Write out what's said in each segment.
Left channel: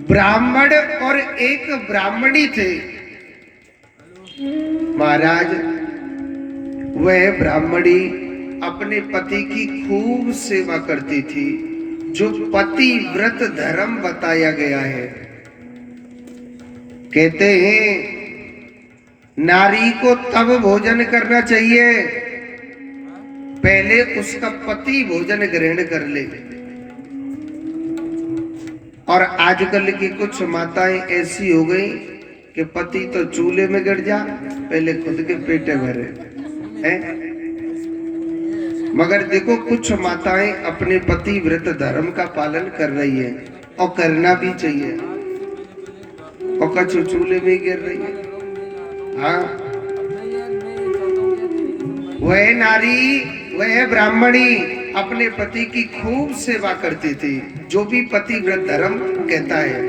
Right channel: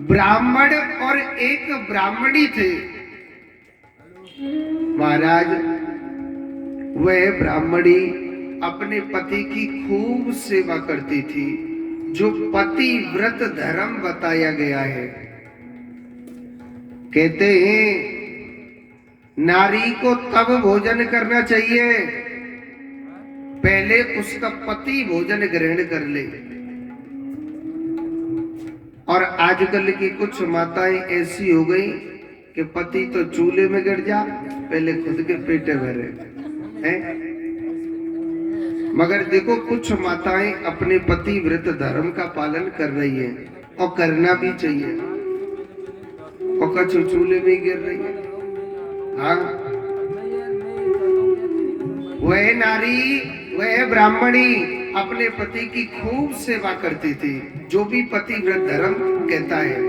ब्राह्मण और एक ब्राह्मणी थे। महाराज, वह ब्राह्मणी अपने पति की खूब सेवा करती थी, जो पति व्रत धर्म बताया गया है। कहते हैं नारी को तब भोजन करना चाहिए पहले उसका पति भोजन ग्रहण कर ले। और आजकल की कुछ माताएं ऐसी हो गई कि पति तो चूल्हे में गिर जा, पहले खुद के पेटे भरे हैं। मगर देखो, कुछ माताएं अपने पति व्रत धर्म का पालन कर रही है और करना भी चाहिए, और कछु चूल्हे में गिर रही है। हाँ, वह नारी, वह ब्राह्मणी अपने पति की खूब सेवा करती थी, जो भी पति व्रत धर्म कहता है।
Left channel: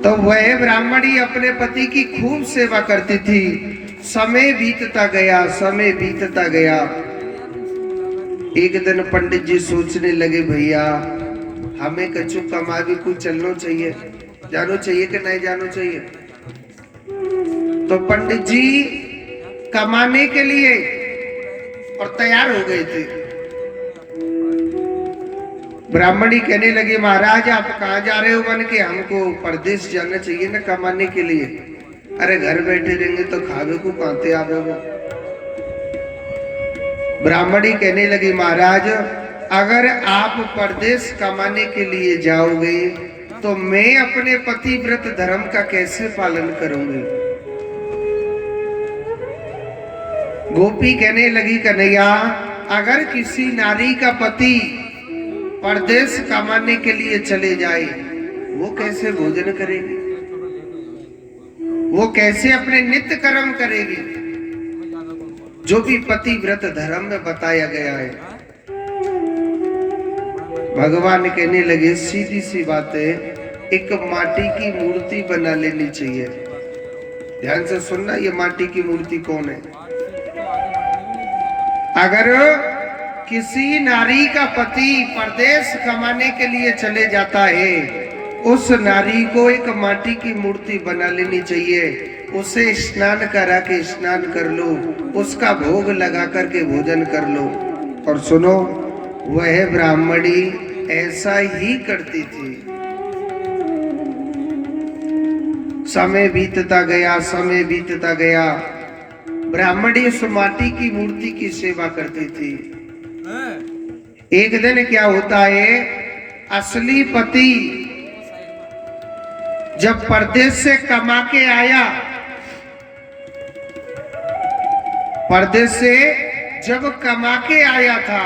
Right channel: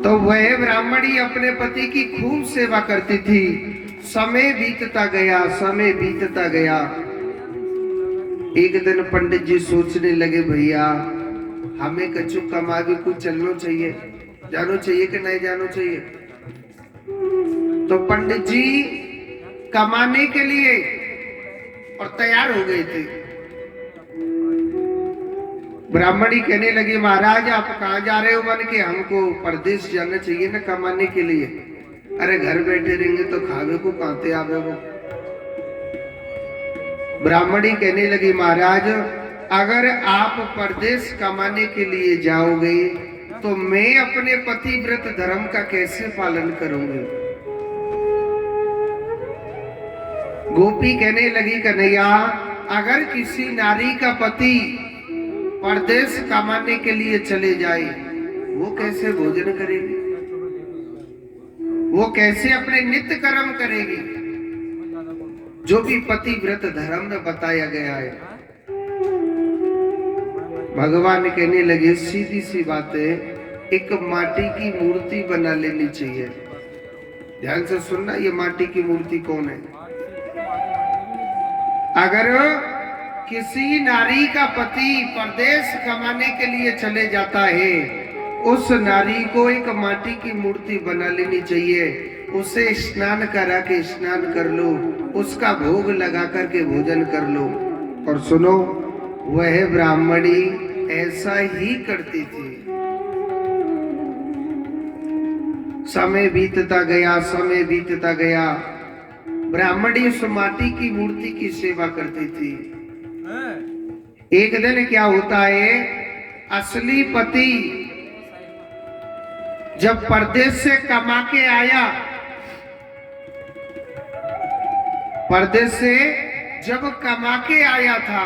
तो वह ब्राह्मणी अपने पति की खूब सेवा करती थी। समय बीतता गया, समय बीतता गया। एक दिन पंडित जी सोचने लगे, भैया हमें कछु कमा भी कुछ चलना चाहिए, जानो चाहिए कि नहीं जानो चाहिए। तो पंडित जी कमाने के लिए और तैयार हो गए थे। ब्राह्मणी कहने लगी, महाराज आप कहाँ जा रहे हो? मन के हमको परदेश जाना चाहिए ना कमाने के लिए। अरे घर बैठे रहेंगे तो खावे को कहते आवे वो। ब्राह्मणी कहने लगी, महाराज अगर आप परदेश कमाने के लिए जाओगे तो मैं अपने पति व्रत धर्म का कैसे पालन करूंगी? गोपी कहने लगी, कन्हैया अगर किसी नारी का पति परदेश कमाने के लिए चले जाए, वो कैसे भोजन करेगी? वो कैसे अपने नित्य कर्म करेगी, जो भी पति व्रत धर्म में बताया गया है? भगवान कहने लगे, सीधी सी बात है, एक माटी की मूर्ति बना लेनी चाहिए। ध्यान से सुनना, ये माटी की मूर्ति कौन है? अगर किसी नारी का पति परदेश कमाने के लिए चले जाता है, उस नारी को एक माटी की मूर्ति बना लेनी चाहिए। उसे स्नान करा के स्नान कर लो, उसका भोग लगा करके भोजन कर लो। और सुनो, वह ब्राह्मणी ऐसा ही करती थी। समय बीतता गया, समय बीतता गया। ब्राह्मणी उस माटी की मूर्ति की सेवा करती थी। एक दिन क्या होता है, असली पति जब परदेश से कमा के आया, परदेश से जब कमा के आया था,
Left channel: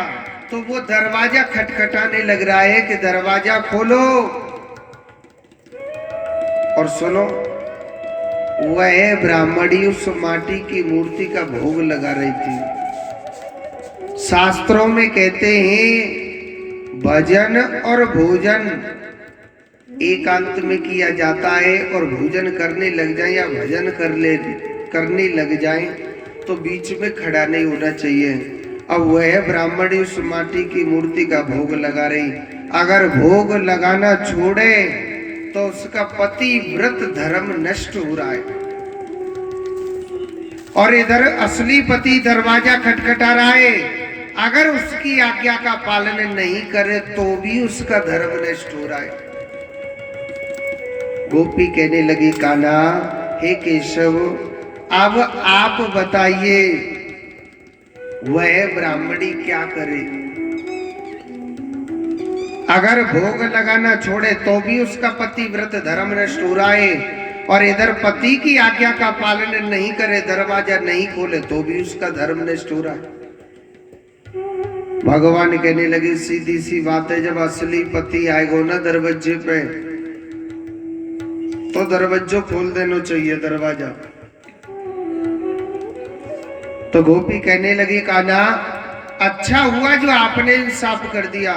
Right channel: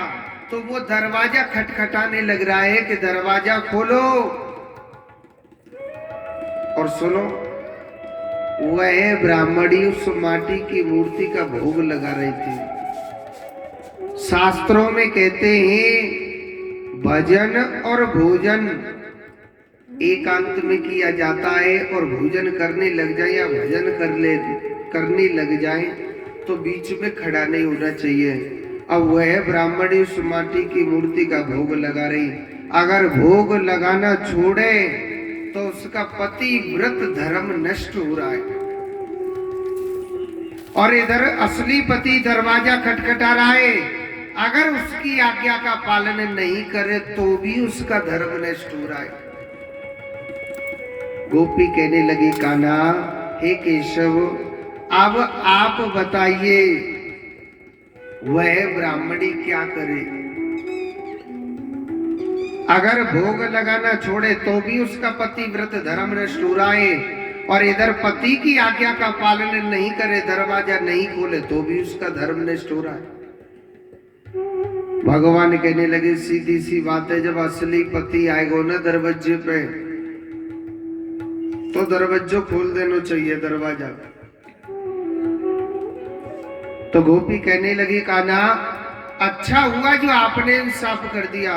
तो वो दरवाजा खटखटाने लग रहा है कि दरवाजा खोलो। और सुनो, वह ब्राह्मणी उस माटी की मूर्ति का भोग लगा रही थी। शास्त्रों में कहते हैं भजन और भोजन एकांत में किया जाता है, और भोजन करने लग जाए या भजन करने लग जाए तो बीच में खड़ा नहीं होना चाहिए। अब वह ब्राह्मणी उस माटी की मूर्ति का भोग लगा रही। अगर भोग लगाना छोड़े तो उसका पति व्रत धर्म नष्ट हो रहा है, और इधर असली पति दरवाजा खटखटा रहा है। अगर उसकी आज्ञा का पालन नहीं करे तो भी उसका धर्म नष्ट हो रहा है। गोपी कहने लगी, कान्हा हे केशव, अब आप बताइए वह ब्राह्मणी क्या करे? अगर भोग लगाना छोड़े तो भी उसका पति व्रत धर्म नष्ट हो रहा है, और इधर पति की आज्ञा का पालन नहीं करे, दरवाजा नहीं खोले तो भी उसका धर्म नष्ट हो रहा है। भगवान कहने लगे, सीधी सी बात है, जब असली पति आएगा ना दरवाजे पे, तो दरवाजा खोल देना चाहिए, दरवाजा। तो गोपी कहने लगी, कान्हा अच्छा हुआ जो आपने इंसाफ कर दिया।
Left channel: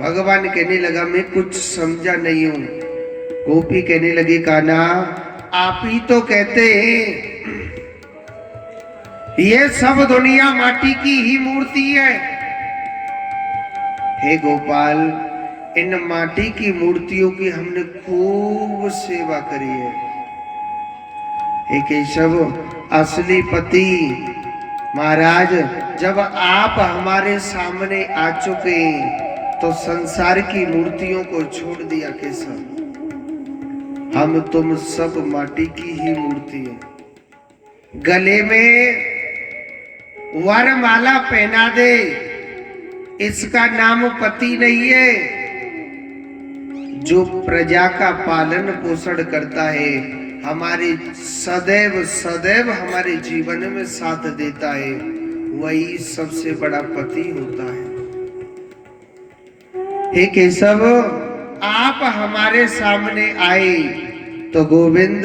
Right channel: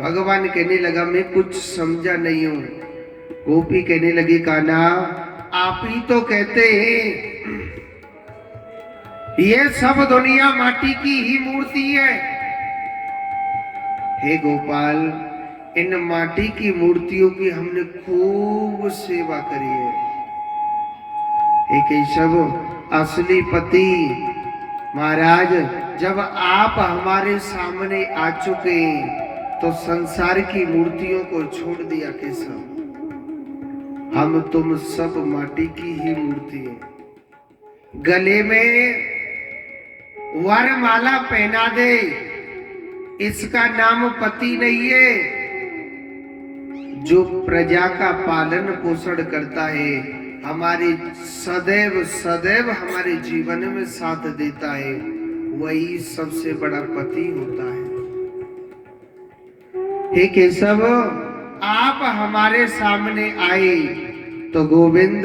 भगवान कहने लगा, मैं कुछ समझा नहीं हूं। गोपी कहने लगी, कान्हा आप ही तो कहते हैं ये सब दुनिया माटी की ही मूर्ति है। हे गोपाल, इन माटी की मूर्तियों की हमने खूब सेवा करी है। हे केशव, असली पति महाराज, जब आप हमारे सामने आ चुके तो संसार की मूर्तियों को छोड़ दिया केशव। हम तुम सब माटी की ही मूर्ति है। गले में वरमाला पहना दे, इसका नाम पति नहीं है। जो प्रजा का पालन पोषण करता है, हमारे सदैव सदैव हमारे जीवन में साथ देता है, वही सबसे बड़ा पति होता है। हे केशव, आप हमारे सामने आए तो गोविंद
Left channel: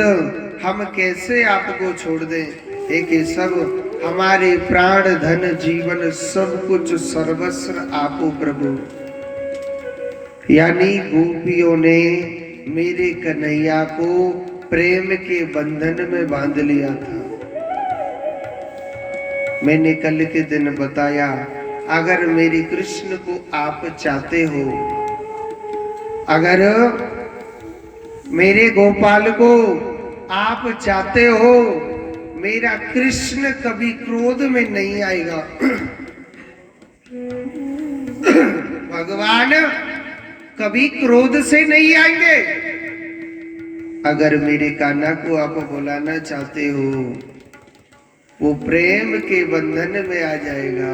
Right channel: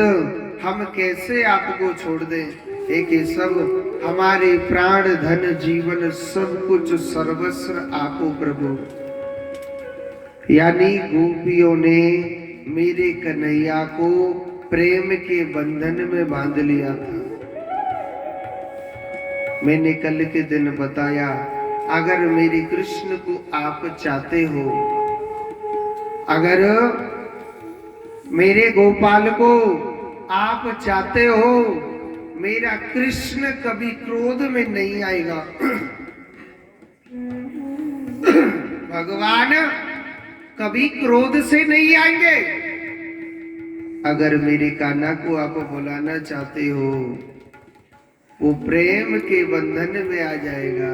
हम कैसे आपको छोड़ दें। हे केशव, हमारे प्राण धन जीवन सब कुछ सर्वस्व आपो प्रभु। यानी गोपियों ने मेरे कन्हैया को प्रेम के बंधन में बांध लिया था। मैंने कल के दिन बताया, अगर मेरे कृष्ण को आप चाहते हो, अगर मेरे गोपाल को आप चाहते हो, मेरा कृष्ण कभी क्रोध में नहीं आएगा। भगवान कभी क्रोध से नहीं आएंगे। अगर मेरे कान्हा को आप बुलाना चाहते हो, वो प्रेम के बंधन में आ जाएगा।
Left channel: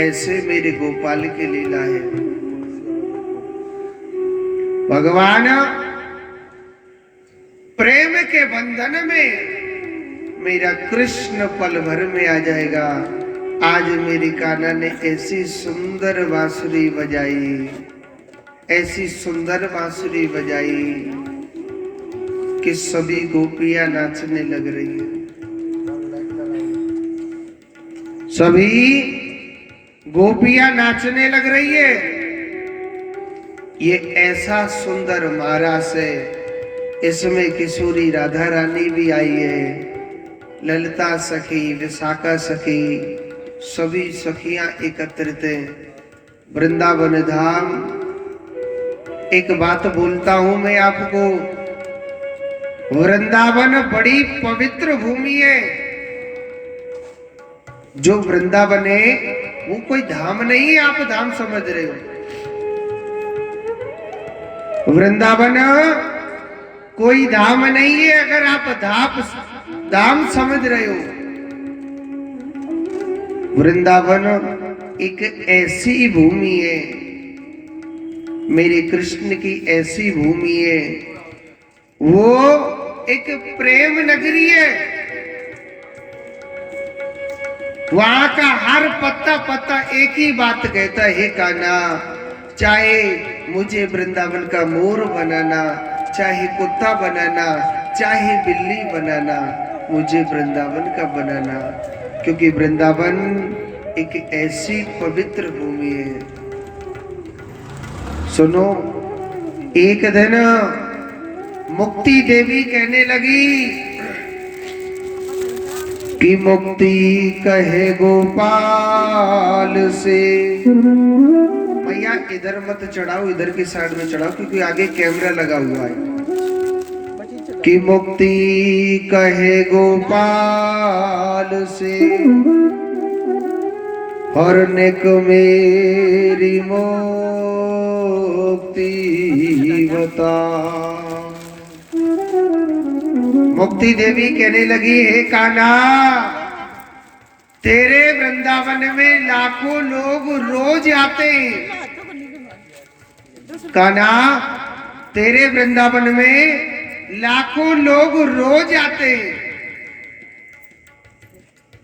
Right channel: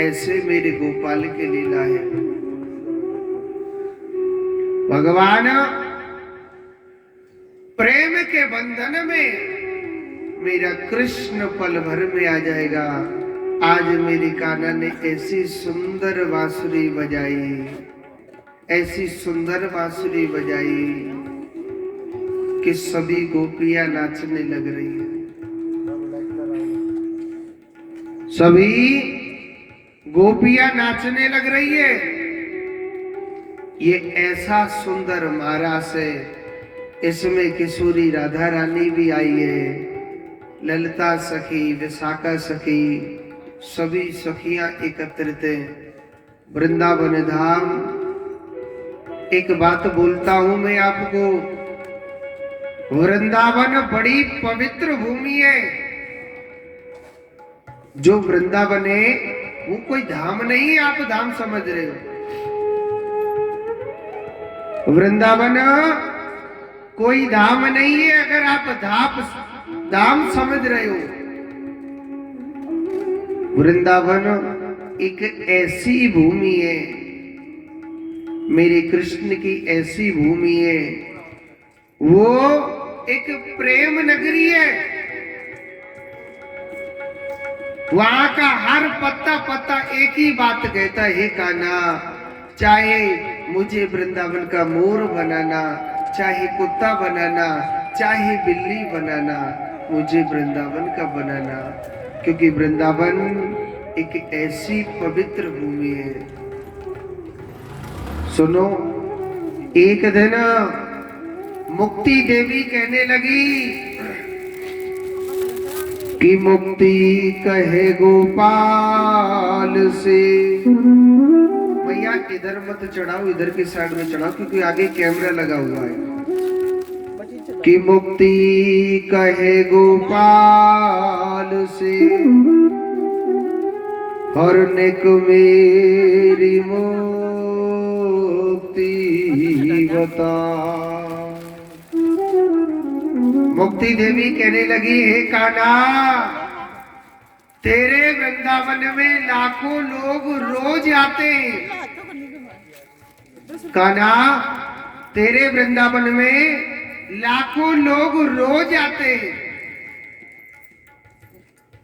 ऐसे मेरे गोपाल की लीला है। भगवान प्रेम के बंधन में मेरा कृष्ण पल भर में आ जाएगा। आज मेरी कान्हा ने ऐसी सुंदर बांसुरी बजाई, ऐसी सुंदर बांसुरी बजाई कि सभी गोपियां नाचने लग रही है। सभी गोपियां नाचने लग रही है। ये ऐसा सुंदर महारास है, इसमें किशोरी राधा रानी भी आई है, ललिता सखी, विशाखा सखी, सभी सखियां एकत्रित हैं। वृंदावन धाम, एक बात बोलता हूं मैं आपको, वृंदावन बड़ी पवित्र भूमि है। जो वृंदावन है वो कोई धाम नहीं, आप धाम समझ रहे हो। वृंदावन कोई धाम नहीं है, अगर आप धाम समझ रहे हो। वृंदावन एक ऐसी भूमि है, मेरे कृष्ण की ऐसी भूमि है, वो एक प्रेम नगरी है। वहां का हर पत्ता पत्ता एक ही बात कहता है, हे कान्हा, चाहे मुझे वृंदावन का मोर बनाना, चाहे कुत्ता बनाना, चाहे बिल्ली बनाना, मुझे वृंदावन का बनाना, क्योंकि वृंदावन एक ऐसी पवित्र भूमि है। सुनो, एक दिन मुक्ति देवी कहने लगी कि मुक्ति कहे गोपाल से, भैया इधर मत चढ़ाओ, इधर की साइड में चढ़ाओ, क्योंकि आगे कैमरा लगा हुआ है। कि मुक्ति कहे गोपाल से, हरने को मेरी मुक्ति बता। मुक्ति देवी कहने लगी, हे कान्हा, तेरे वृंदावन में लाखों लोग रोज आते हैं। कान्हा, तेरे वृंदावन में लाखों लोग रोज आते हैं,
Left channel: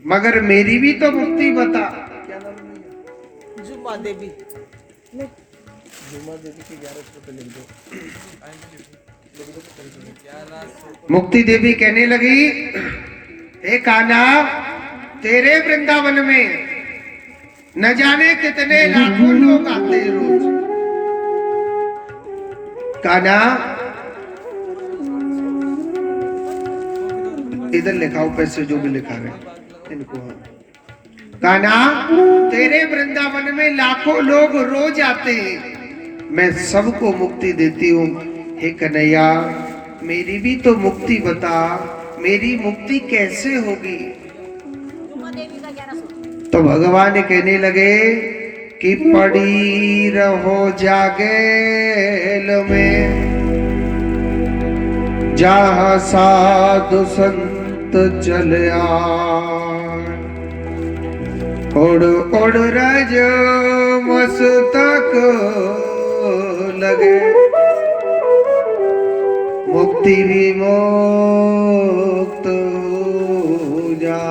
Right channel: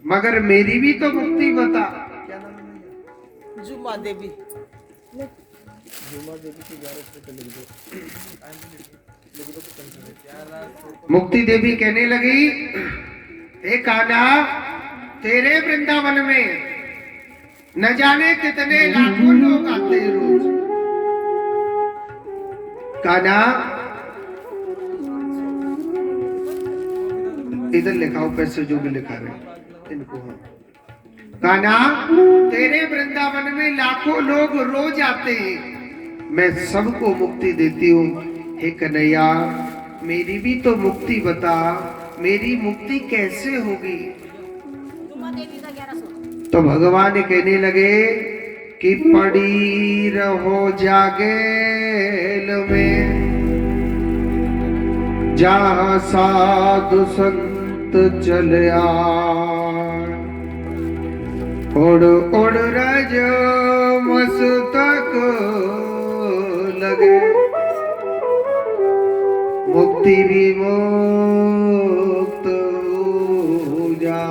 मगर मेरी भी तो मुक्ति बता। क्या नाम है? जुमा देवी। जुमा देवी के 11 रुपए लिख दो। मुक्ति देवी कहने लगी, हे कान्हा, तेरे वृंदावन में न जाने कितने लाखों लोग आते हैं रोज। कान्हा, इधर लिखाओ पैसे जो भी लिखा रहे इनको। हाँ, कान्हा, तेरे वृंदावन में लाखों लोग रोज आते हैं, मैं सबको मुक्ति देती हूँ। हे कन्हैया, मेरी भी तो मुक्ति बता, मेरी मुक्ति कैसे होगी? तो भगवान कहने लगे कि पड़ी रहो जागेल में, जहाँ साधु संत चले आए, उड़ उड़ रज मस्तक लगे, मुक्ति भी मुक्त हो जा।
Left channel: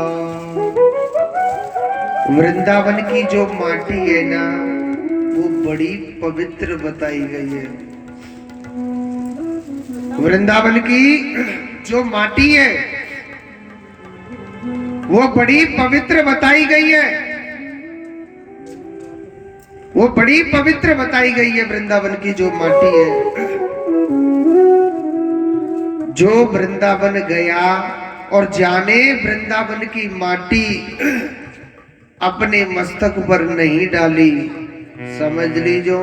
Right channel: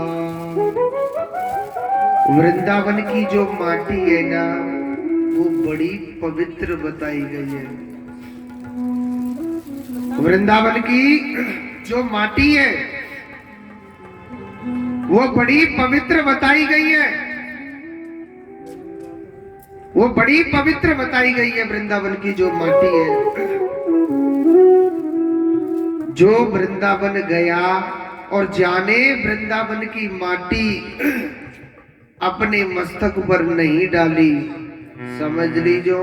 वृंदावन की जो माटी है ना, वो बड़ी पवित्र बताई गई है। वृंदावन की जो माटी है वो बड़ी पवित्र बताई गई है, वो बड़ी पवित्र बताई गई है। वृंदावन की जो माटी है, जो वृंदावन गया और जाने वृंदावन की माटी अपने मस्तक पर नहीं डाली, समझ लीजो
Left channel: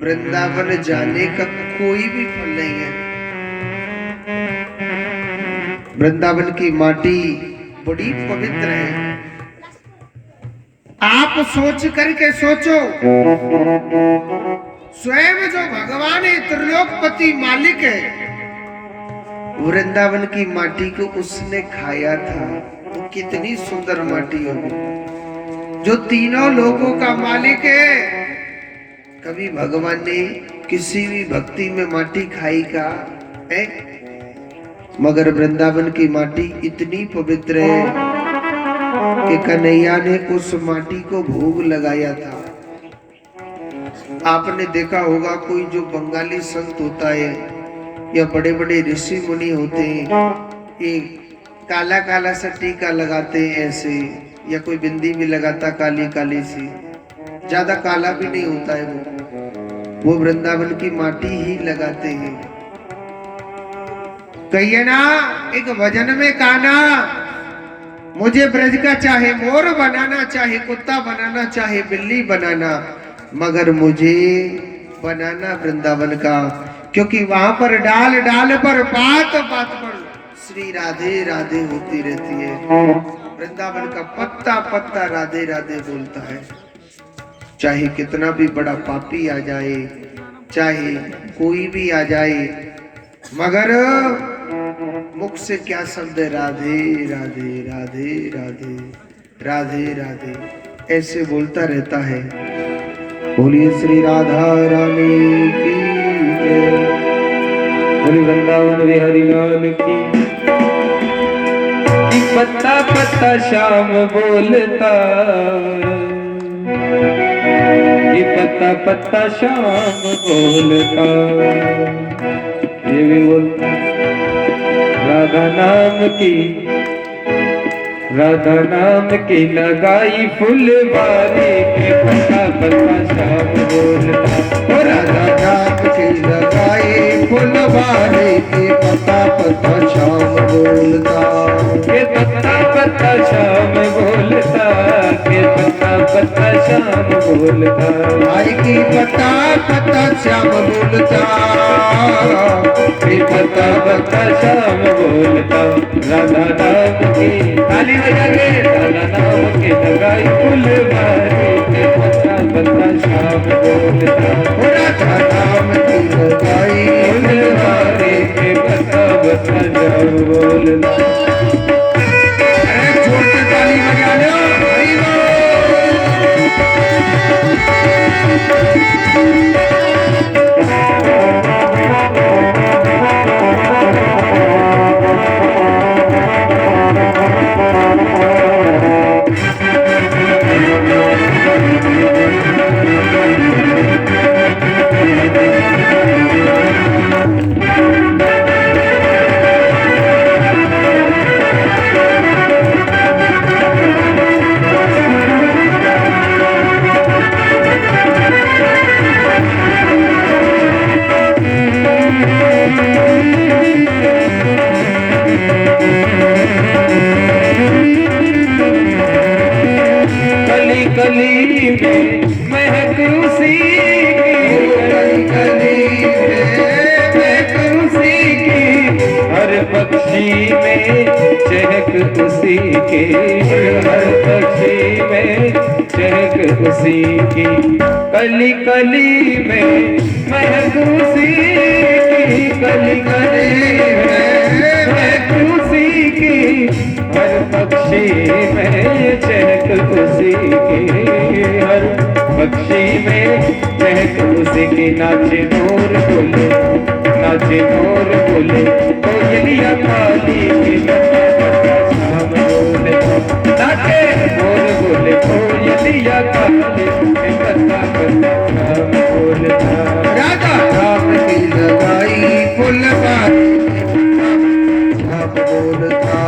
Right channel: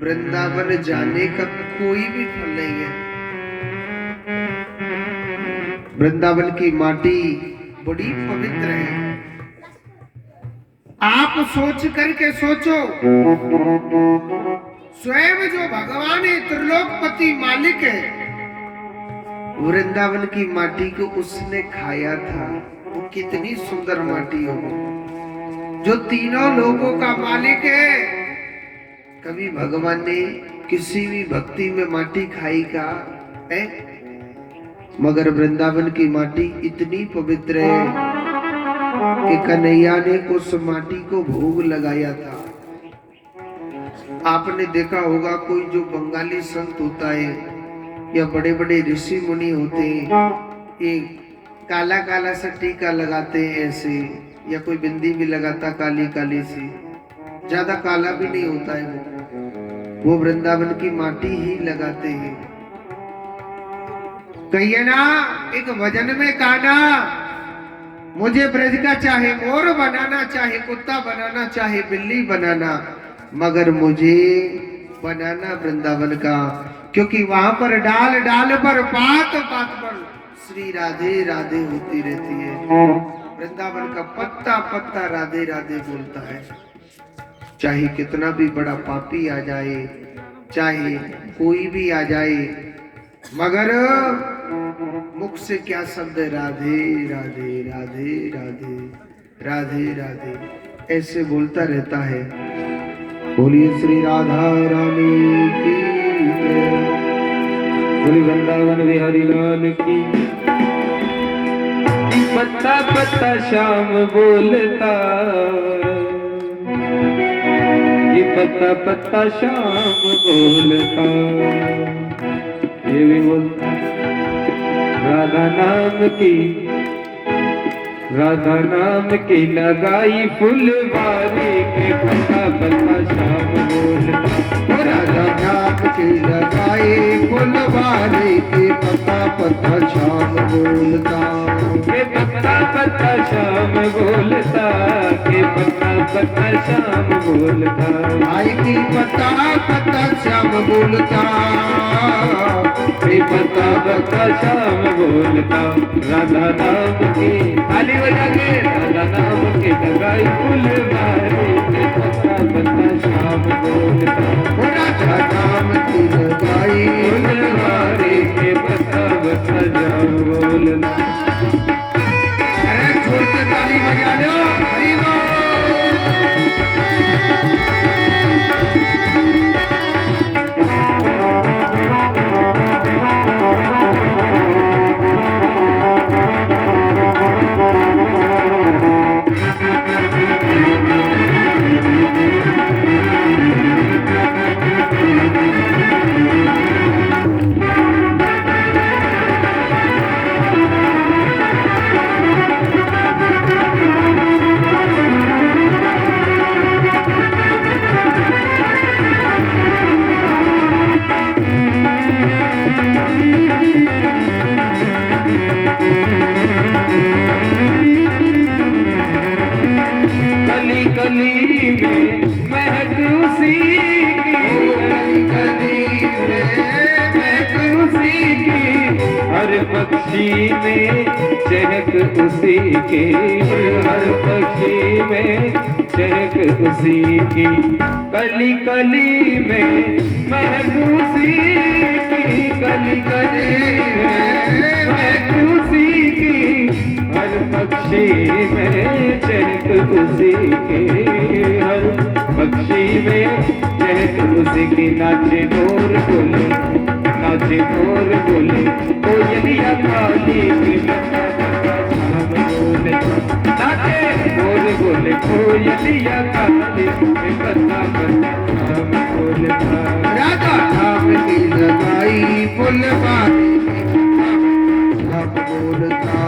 वृंदावन जाने का कोई भी फल नहीं है। वृंदावन की माटी बड़ी पवित्र है। आप सोच करके सोचो, स्वयं जो भगवान है, त्रिलोकपति मालिक है, वृंदावन की माटी को उसने खाया था, वो कितनी सुंदर माटी होगी। जो तीनों लोगों का मालिक है, कभी भगवान ने किसी भी भक्ति में माटी खाई का है? मगर वृंदावन की माटी इतनी पवित्र है कि कन्हैया ने उस माटी को भोग लगाया था। आपने देखा होगा, कोई जो बंगाली संत होता है या बड़े बड़े ऋषि मुनि होते हैं, ये काला काला सा टीका लगाते हैं ऐसे, या कोई बिंदी भी लगाता काली काली सी, ज्यादा काला भी नहीं होता है वो वृंदावन की माटी ही लगाते हैं। कहिए ना एक भजन में, कान्हा मुझे ब्रज का चाहे मोर बनाना, चाहे कुत्ता बनाना, चाहे बिल्ली बनाना, मगर मुझे बनाना वृंदावन का, क्योंकि वहां पर डाल डाल पर बात बात पर श्री राधे राधे होती रहती है। वृंदावन का पत्ता पत्ता राधे राधे बोलता है। चाहे कितना भी बड़ा पापी आ जाए, चाहे कोई भी आ जाए, मगर मुख से क्या शब्द है? राधे राधे राधे राधे राधे राधे, ऐसे बोलता रहता है। बोलिए श्री राधा रानी की जय, बोलिए वृंदावन बिहारी लाल की। पत्ता पत्ता श्याम बोलता, ये पत्ता पत्ता श्याम बोलता, ये भी बोलता राधा नाम की, राधा नाम की लगाई फुलवारी के पत्ता पत्ता श्याम बोलता, राधा नाम की लगाई फुलवारी के पत्ता पत्ता श्याम बोलता, के पत्ता पत्ता श्याम बोलता, के पत्ता पत्ता श्याम बोलता, भाई की पत्ता पत्ता श्याम बोलता, के पत्ता पत्ता श्याम बोलता, राधा नाम की ताली बजा के, राधा नाम की लगाई फुलवारी के पत्ता पत्ता श्याम बोलता, राधा नाम की लगाई फुलवारी के पत्ता पत्ता श्याम बोलता। जोर से ताली बजा लो, हरि महक उसी की, गली महक उसी की, हर पक्षी में चहक उसी की, हर पक्षी में चहक उसी की, कली कली में महक उसी की, कली कली में महक उसी की, हर पक्षी में चहक उसी की, हर पक्षी में चहक उसी की, नाचे मोर बोले, नाचे मोर बोले, कोयलिया काली की हम बोले, नाचे मोर बोले, कोयलिया काली की बता बता हम बोले, राधा राम की लगाई फुलवारी सब बोलता।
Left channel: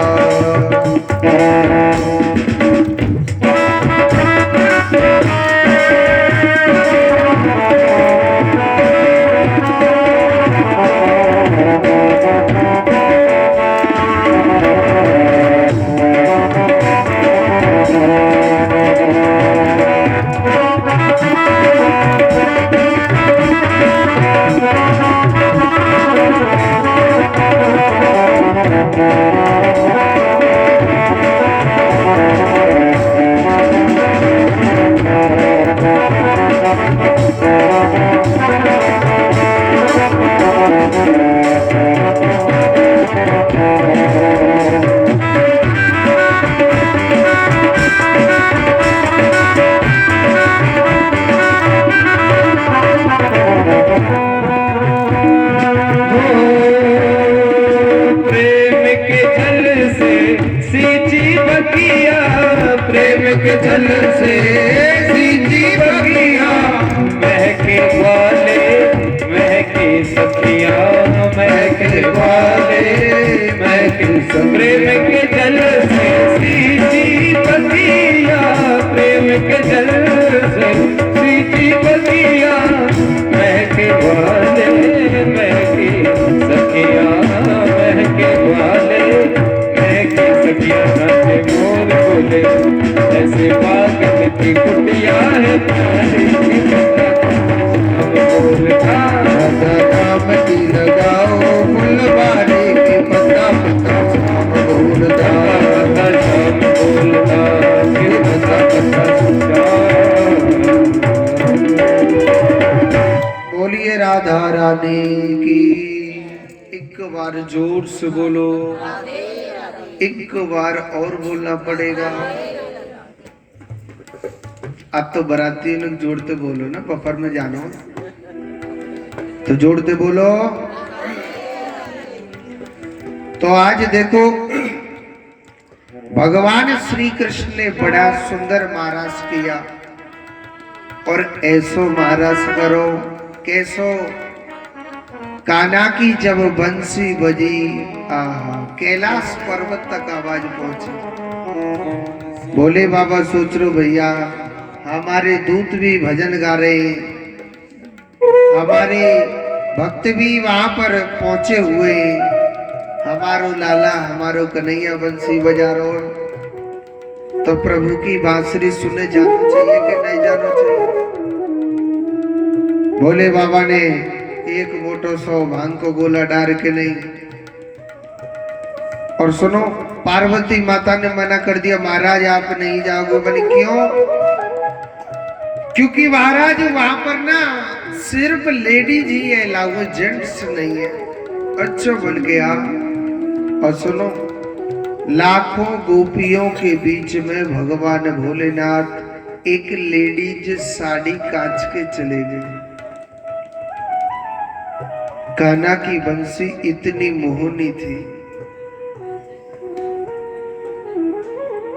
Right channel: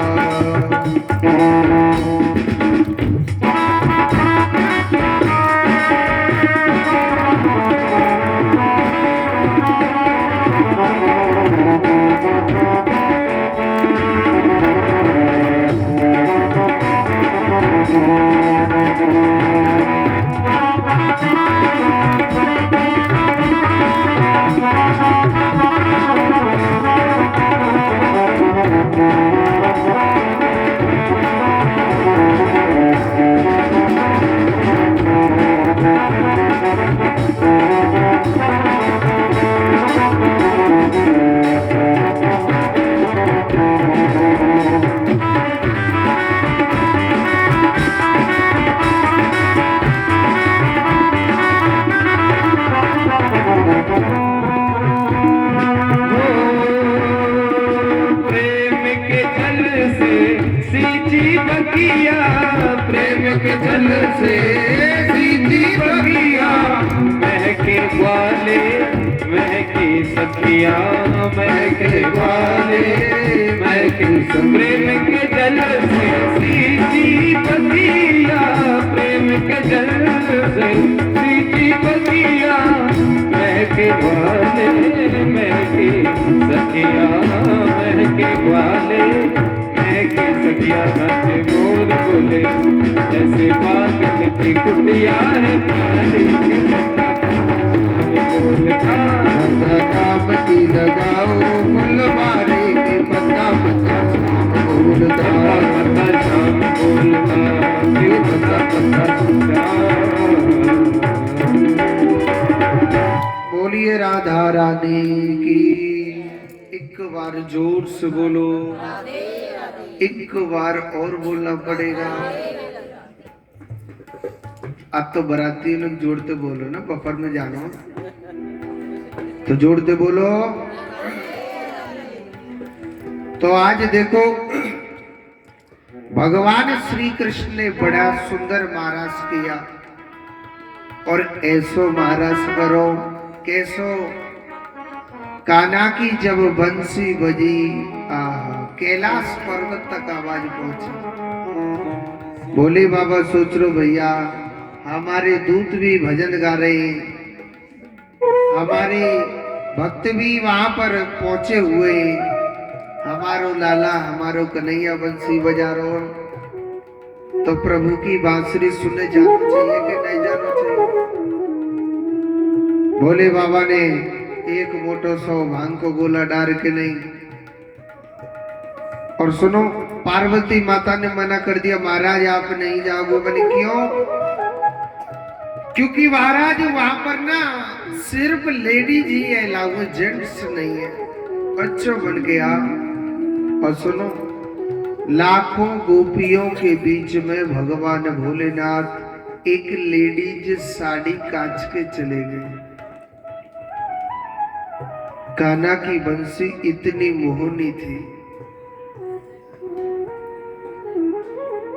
प्रेम के जल से सींची बगिया, महके वाले महके सखिया, महके वाले महके, प्रेम के जल से सींची बगिया, प्रेम के जल से सींची बगिया, महके वाले महके सखिया, महके वाले महके सखिया, नाचे मोर बोले, जैसे पागल की कुटिया है पानी की बता, हम बोलता, राधा राम की लगाओ फुलवारी की पता पता शाम बोलता, राधा शाम बोलता, फिर बता बता बोलिए राधा रानी की। एक बार जोर से बोलो, एक बार और बोलना पड़ेगा। अब तो बराती लोग जोड़ते बोलो ना, बफर में जानो तो जोड़ते बोलो। तो आज देखो भगवान श्री कृष्ण ने बड़ा सुंदर महाराज किया, और ऐसो महाराज करो कैसो, कान्हा की जब बंसी बजी, आहा कैलाश पर्वत तक आवाज पहुंची। बोले बाबा सोच लो भैया, हमारे दूत भी भजन गा रहे हैं, हमारे भक्त भी वहां पर पहुंचे हुए हैं, हमारो लाला हमारो कन्हैया बंसी बजा रहो, तो प्रभु की बांसुरी सुने जाना चाहिए कि नहीं जाना चाहिए। बोले बाबा ने एक मोटो सौ भांग को गोला डार के नहीं। और सुनो, पार्वती माता ने मना कर दिया, महाराज आप नहीं जाओगे। बोले क्यों? क्योंकि महाराज वहां पर ना सिर्फ लेडीज ही है, लाओ जेंट्स नहीं है। अच्छा बन गया। और सुनो, लाखों गोपियों के बीच में भगवान भोलेनाथ एक लेडीज साड़ी कांच के चले गए। कान्हा की बंसी इतनी मोहनी थी,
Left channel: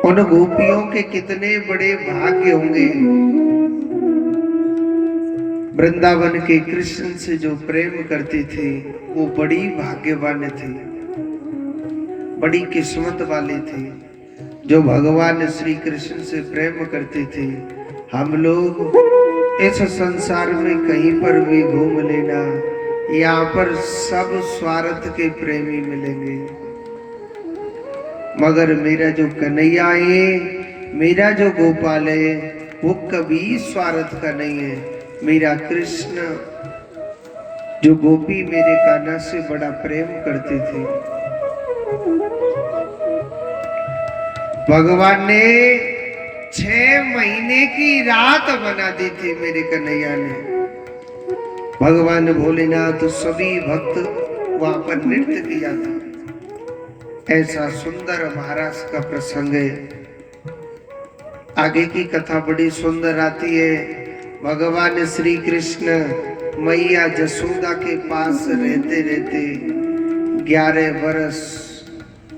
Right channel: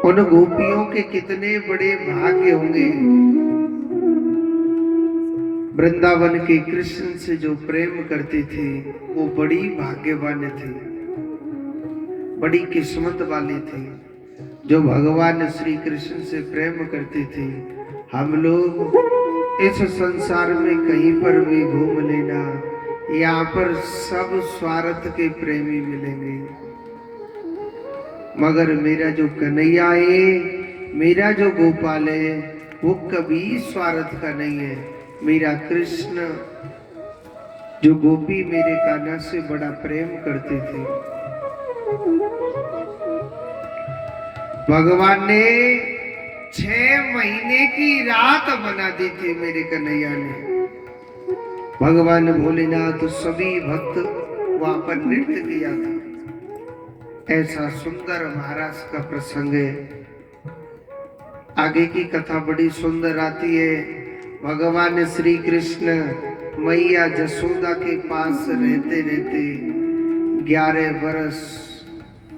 उन गोपियों के कितने बड़े भाग्य होंगे। वृंदावन के कृष्ण से जो प्रेम करती थी वो बड़ी भाग्यवान थी, बड़ी किस्मत वाली थी जो भगवान श्री कृष्ण से प्रेम करती थी। हम लोग इस संसार में कहीं पर भी घूम लेना, यहाँ पर सब स्वार्थ के प्रेमी मिलेंगे, मगर मेरा जो कन्हैया है, मेरा जो गोपाल है, वो कभी स्वार्थ का नहीं है। मेरा कृष्ण जो गोपी मेरे कान्हा से बड़ा प्रेम करती थी, भगवान ने 6 महीने की रात बना दी थी मेरे कन्हैया ने। भगवान भोलेनाथ सभी भक्त वहां पर नृत्य किया था। ऐसा सुंदर महाराष्ट्र का प्रसंग है। आगे की कथा बड़ी सुंदर आती है। भगवान श्री कृष्ण मैया जसोदा के पास रहते रहते 11 वर्ष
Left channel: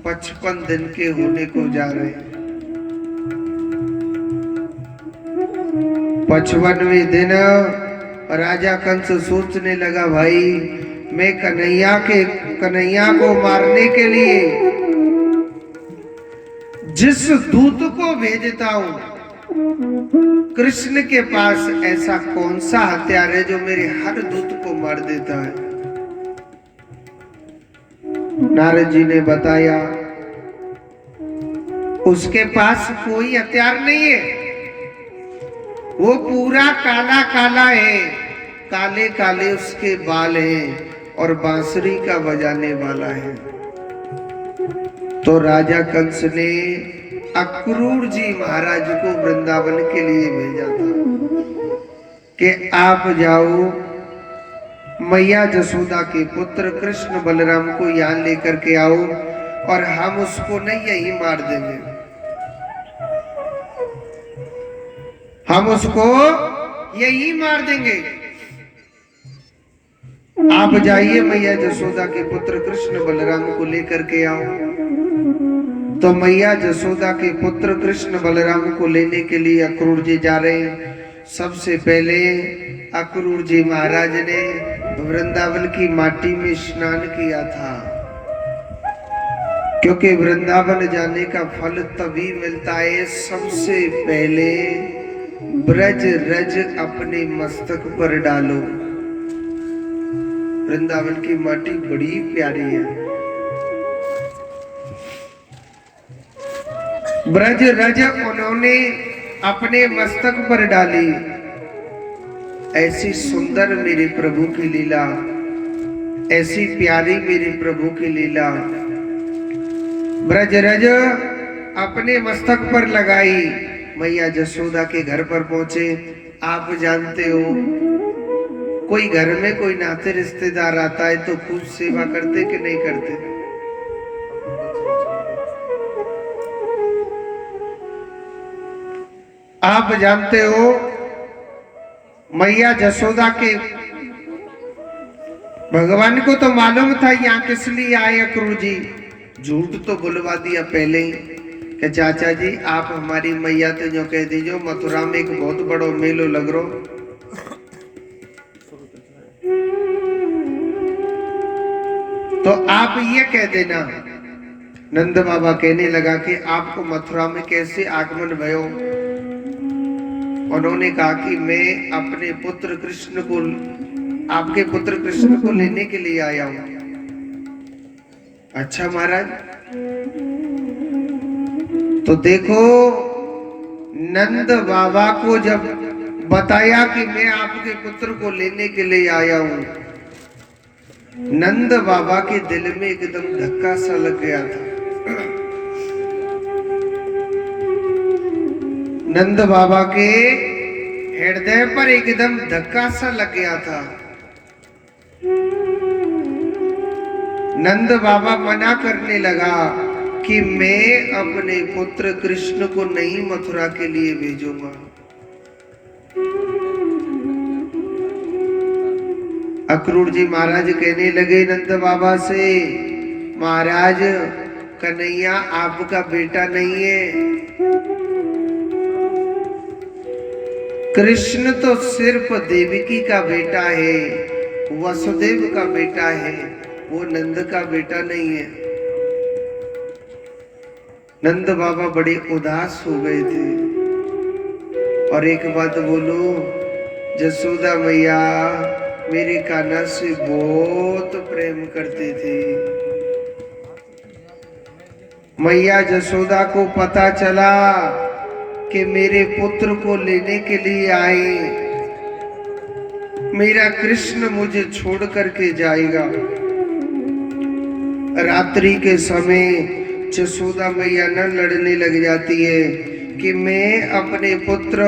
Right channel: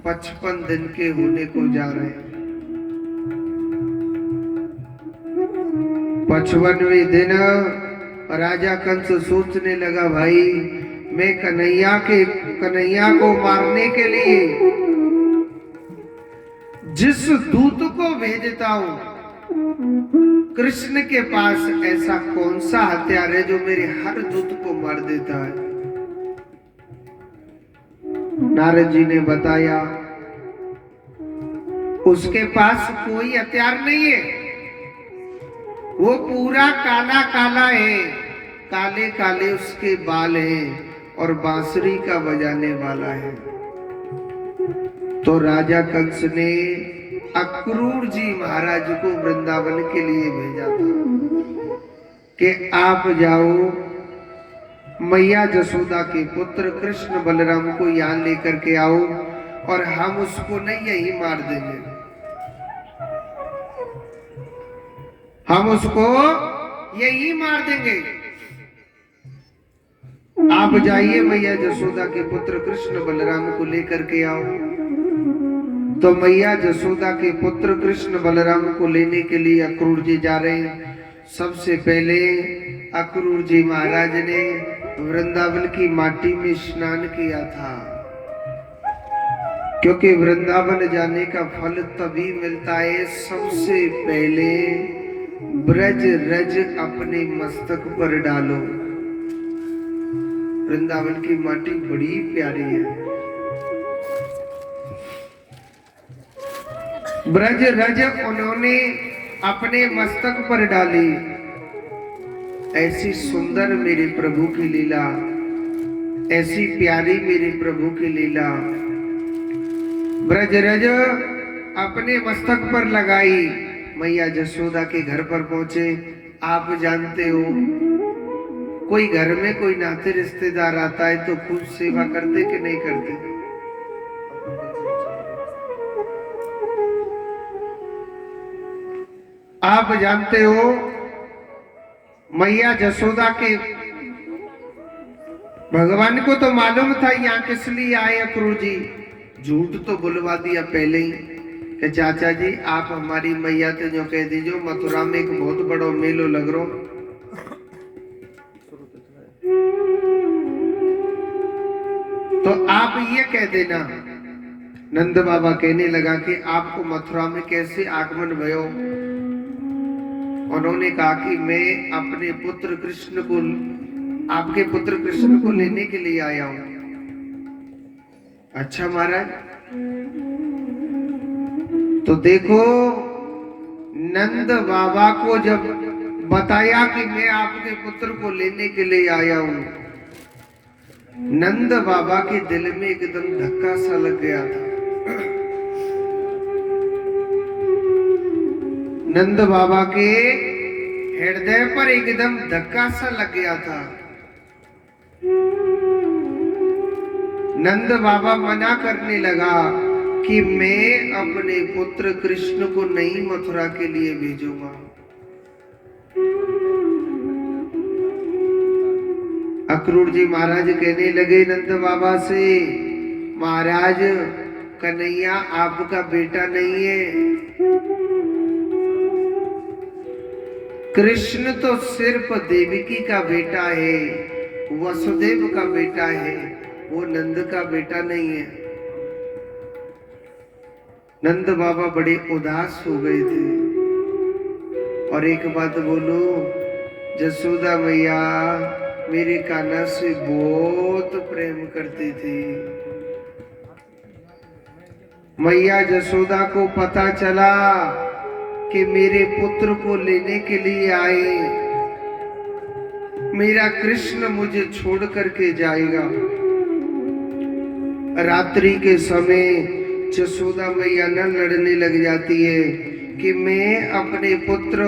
55 दिन के होने को जा रहे। 55वें दिन राजा कंस सोचने लगा, भाई मैं कन्हैया को मारने के लिए जिस दूत को भेजता हूं, कृष्ण के पास ऐसा कौन सा हथियार है जो मेरे हर दूत को मार देता है। नारद जी ने बताया, उसके पास कोई हथियार नहीं है। वो पूरा काला काला है, काले काले उसके बाल हैं और बांसुरी का बजाने वाला है। तो राजा कंस ने अक्रूर जी महाराज को वृंदावन के लिए भेजा था कि आप जाओ, मैया जसोदा के पुत्र कृष्ण बलराम को यहाँ लेकर के आओ और हम उसको नहीं यही मार देंगे, हम उसको यही मार देंगे। आप जाइए, मैया जसोदा के पुत्र कृष्ण बलराम को लेकर के आओ। तो मैया जसोदा के पुत्र कृष्ण बलराम को लेने के लिए अक्रूर जी जा रहे हैं। सबसे पहले अक्रूर जी महाराज ने वृंदावन की माटी में स्नान किया था, क्योंकि वृंदावन जाने का फल तभी मिलता है सबसे पहले ब्रज रज अपने मस्तक पर डालो। वृंदावन की माटी बड़ी प्यारी है। ब्रज रज उन्होंने अपने मस्तक पर डाली। ऐसी सुंदर मेरे प्रभु की लीला, ऐसी प्यारी मेरे प्रभु की लीला। ब्रज रज अपने मस्तक पर लगाई। मैया जसोदा के घर पर पहुंचे। आप जानते हो, कोई घर में कोई नाते रिश्तेदार आता है तो खूब सेवा करते कि नहीं करते? आप जानते हो, मैया जसोदा के भगवान को तो मालूम था यहाँ किस लिए आए अक्रूर जी। झूठ तो बुलवा दिया पहले ही कि चाचा जी आप हमारी मैया तो जो कह दीजो मथुरा में एक बहुत बड़ो मेलो लग रो। तो आप ये कह देना। नंद बाबा कहने लगा कि आपको मथुरा में कैसे आगमन भयो? उन्होंने कहा कि मैं अपने पुत्र कृष्ण को, आपके पुत्र कृष्ण को लेने के लिए आया हूं। अच्छा महाराज, तो देखो नंद बाबा को जब बताया कि मैं आपके पुत्र को लेने के लिए आया हूं, नंद बाबा के दिल में एकदम धक्का सा लग गया था। नंद बाबा के हृदय पर एकदम धक्का सा लग गया था। नंद बाबा मना करने लगा कि मैं अपने पुत्र कृष्ण को नहीं मथुरा के लिए भेजूंगा। अक्रूर जी महाराज कहने लगे नंद बाबा से, महाराज कन्हैया आपका बेटा नहीं है, कृष्ण तो सिर्फ देवकी का बेटा है, वसुदेव का बेटा है, वो नंद का बेटा नहीं है। नंद बाबा बड़े उदास हो गए थे। और एक बात बोलू, जसोदा मैया मेरे कान्हा से बहुत प्रेम करती थी। मैया जसोदा को पता चला कि मेरे पुत्र को लेने के लिए आए, मेरा कृष्ण मुझे छोड़ करके जाएगा। रात्रि के समय यशोदा मैया न लड़ने लग जाती है कि मैं अपने पुत्र,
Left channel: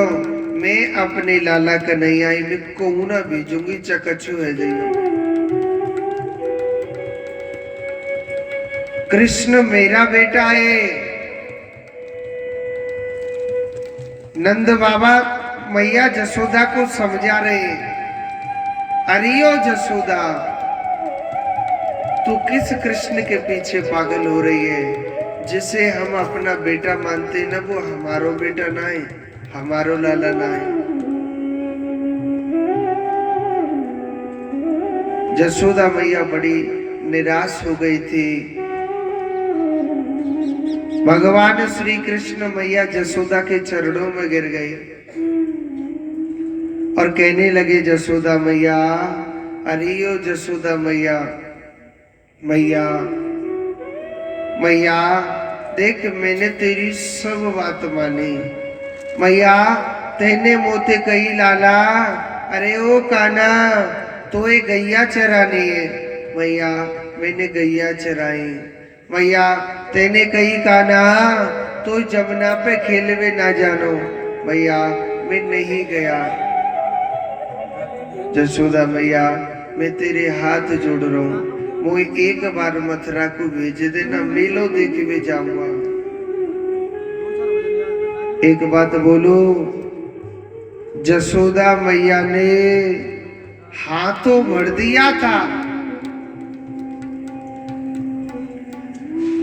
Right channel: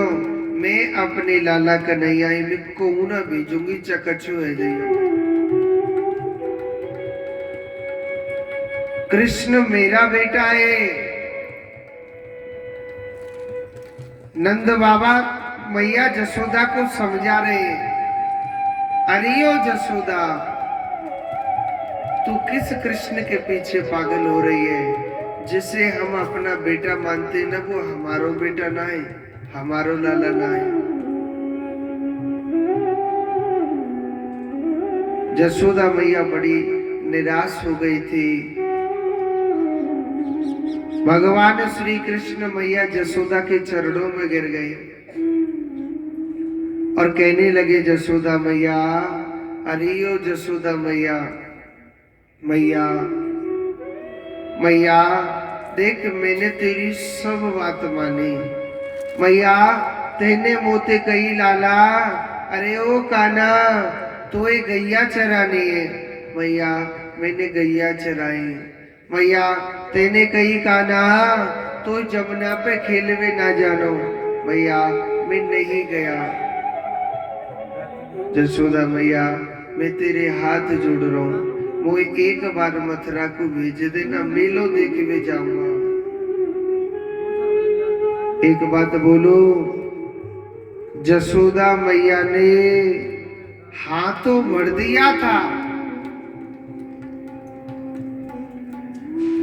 मैं अपने लाला कन्हैया में कहूं ना भेजूंगी, चकचो है जाइए। कृष्ण मेरा बेटा है। नंद बाबा मैया जसोदा को समझा रहे, अरियो जसोदा, तू किस कृष्ण के पीछे पागल हो रही है? जिसे हम अपना बेटा मानते ना वो हमारो बेटा ना है, हमारो लाला ना है। जसोदा मैया बड़ी निराश हो गई थी। भगवान श्री कृष्ण मैया जसोदा के चरणों में गिर गए और कहने लगे, जसोदा मैया, अरे ओ जसोदा मैया, मैया मैया देख, मैंने तेरी सब बात मानी। मैया तेने मोते कही लाला, अरे ओ काना तो ये गैया चरानी है। मैया मैंने गैया चराई। मैया तेने कही काना तो जमुना पे खेलवे ना जानो। मैया मैं नहीं गया। जसोदा मैया मैं तेरे हाथ जोड़ रहा हूं, मोई एक बार मथुरा को भेज देना, मेलो देखने जाऊंगा। एक बात बोलू, जसोदा मैया ने हाथों भर दिया था।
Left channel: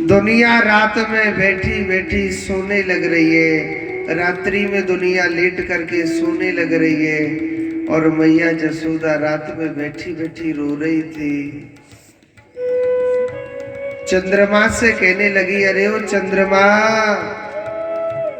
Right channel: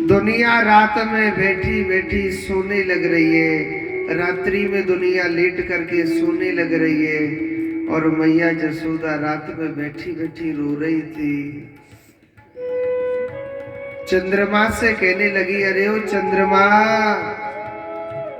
दुनिया रात में बैठी बैठी सोने लग रही है, रात्रि में दुनिया लेट करके सोने लग रही है, और मैया जसोदा रात में बैठी बैठी रो रही थी। चंद्रमा से कहने लगी, अरे ओ चंद्रमा,